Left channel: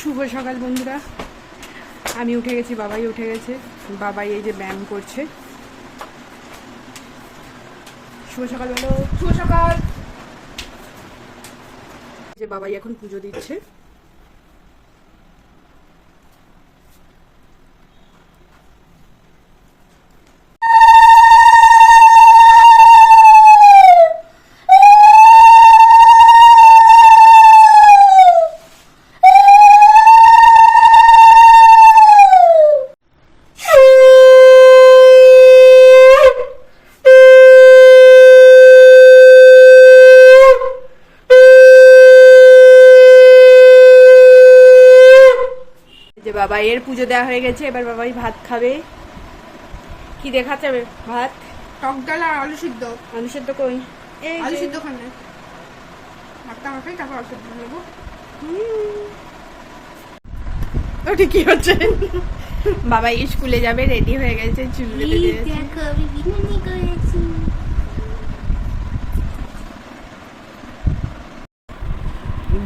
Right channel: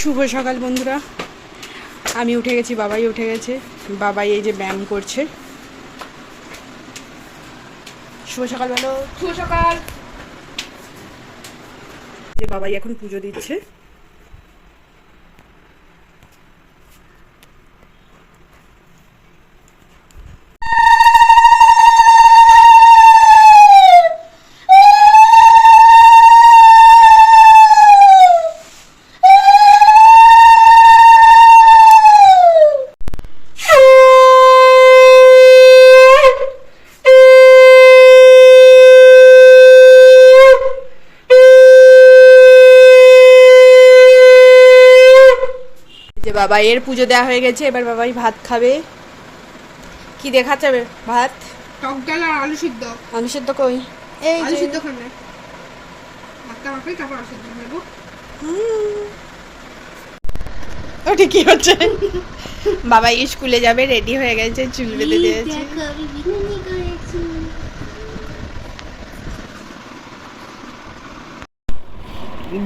শুভ সকাল বন্ধুরা, আমি উঠে গেছি, বাবাই উঠে গেছে। বাবাই এই যে ব্যায়াম করছে। শুভ সকাল বলো। শুভ সকাল। যে বাবাই এখন পুজো দিচ্ছে। যে বাবাই এর পুজো দেওয়া হয়ে গেছে, এবার বাবাই ভাত খাবে। কি দেখাচ্ছে ভাত? টক ডাল আর আলু সিদ্ধ। আলু সিদ্ধ কই? এই আলু সিদ্ধ খাবে ভাতটা আমাকে, তারপর আলু সিদ্ধ নেবো। ওটা কি হচ্ছে? বাবাই স্কুলে যাবে, রেডি হয়ে গেছে, চুল বেঁধে দিয়েছে। দেখো আমি বিরিয়ানি করেছি।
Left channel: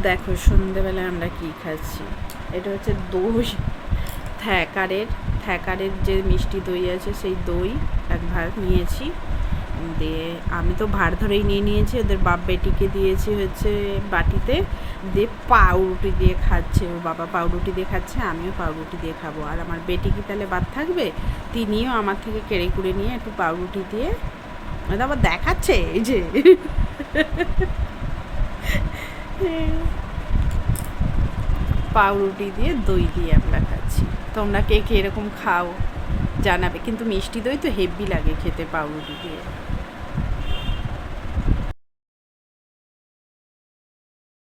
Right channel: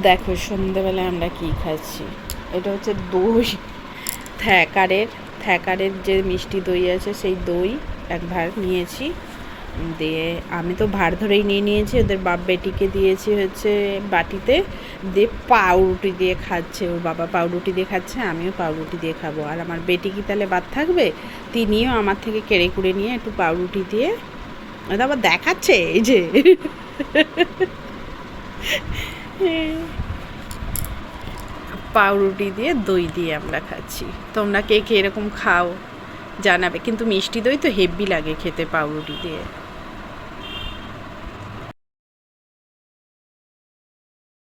দেখো সন্ধেবেলায় আমরা কি খাচ্ছি। এটা হচ্ছে দই, থ্যাকারের যে মিষ্টি দই আছে সেই দই এক ভাগ নিয়েছি। দিয়ে আমি তো ভার ধরেই নিয়েছি, ওদের বাপ বেটিকে দিয়েছি হচ্ছে বাটিতে। দিয়ে পাউরুটি দিয়ে খাচ্ছে, ওর বাবা পাউরুটি দিয়ে খাচ্ছে, আমিও পাউরুটি দিয়ে খাবো। আর আমার বেটি কি তাহলে বাদ থাকবে? তিনিও আমার থেকে কেড়ে কুড়ে নিয়ে একটু পাউরুটি দিয়ে আবার দেখাচ্ছে এই যে পাউরুটি দিয়ে দই দিয়ে আমরা খাচ্ছি। তোমরা কে কে এরকম খাও জানাবে, কিন্তু মিষ্টি দই তো হেভি লাগে খেতে পাউরুটি দিয়ে।